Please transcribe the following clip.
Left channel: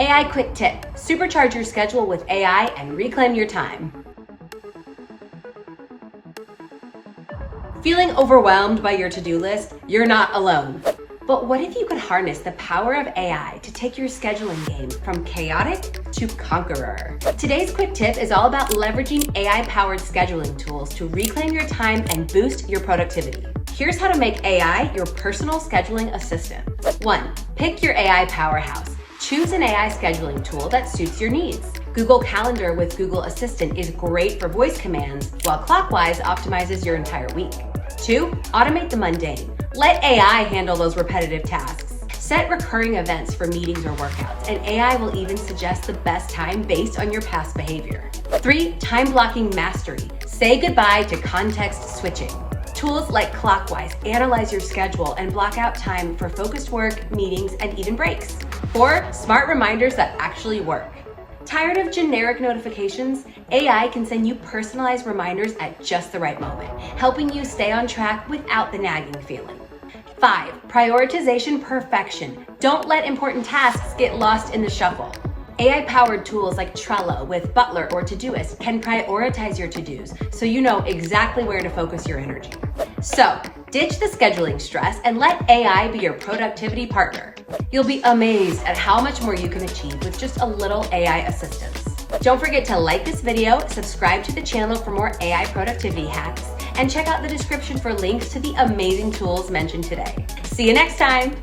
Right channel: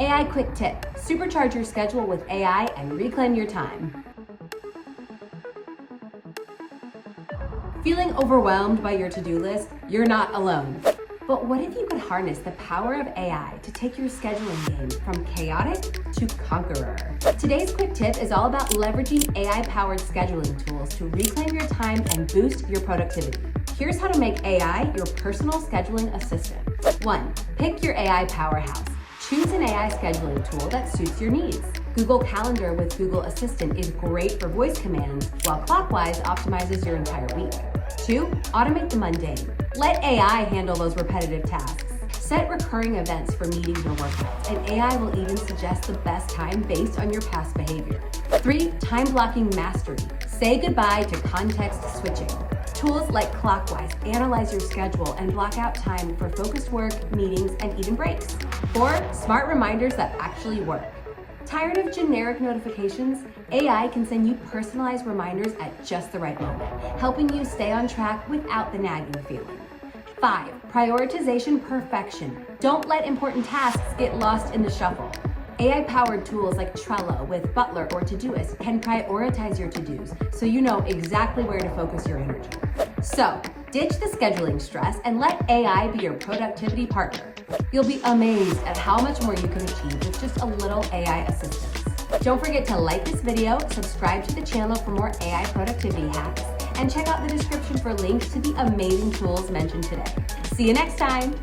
AI quick tip: supercharge your schedule with AI and reclaim your time. Feeling overwhelmed by your to-do list? You're not alone. But what if you could harness the power of AI to take your scheduling game from chaotic to conqueror? Today's quick tip is all about leveraging AI-powered scheduling tools to reclaim your time and boost your productivity. Here's how to make AI your personal scheduling assistant. 1. Pick your AI powerhouse. Choose an AI scheduling tool that suits your needs. Google Calendar with Google Assistant is great for voice commands, while Clockwise optimizes your entire week. 2. Automate the mundane. Let AI handle those repetitive tasks. Set recurring events for meetings or workouts, and AI will even suggest the best time based on your past behavior. 3. Time blocking mastery. Say goodbye to context switching. Tools like Clockwise analyze your schedule and block out time for focused work, meetings, and even breaks. 4. Smart reminders that actually work. Tired of generic notifications? AI can send you personalized reminders at just the right moment, helping you stay on track without the nagging feeling. 5. Prioritization perfection. Don't let important tasks get lost in the shuffle. AI-powered tools like Trello with Butler or Todoist can prioritize your to-dos so you know exactly where to focus your energy. So, ditch the scheduling stress and let AI be your productivity partner. You'll be amazed at how much more you can achieve with just a little AI assistance. Don't forget to like this video, subscribe to the channel for more AI productivity hacks, and check out the description for links to the amazing tools mentioned today. See you next time!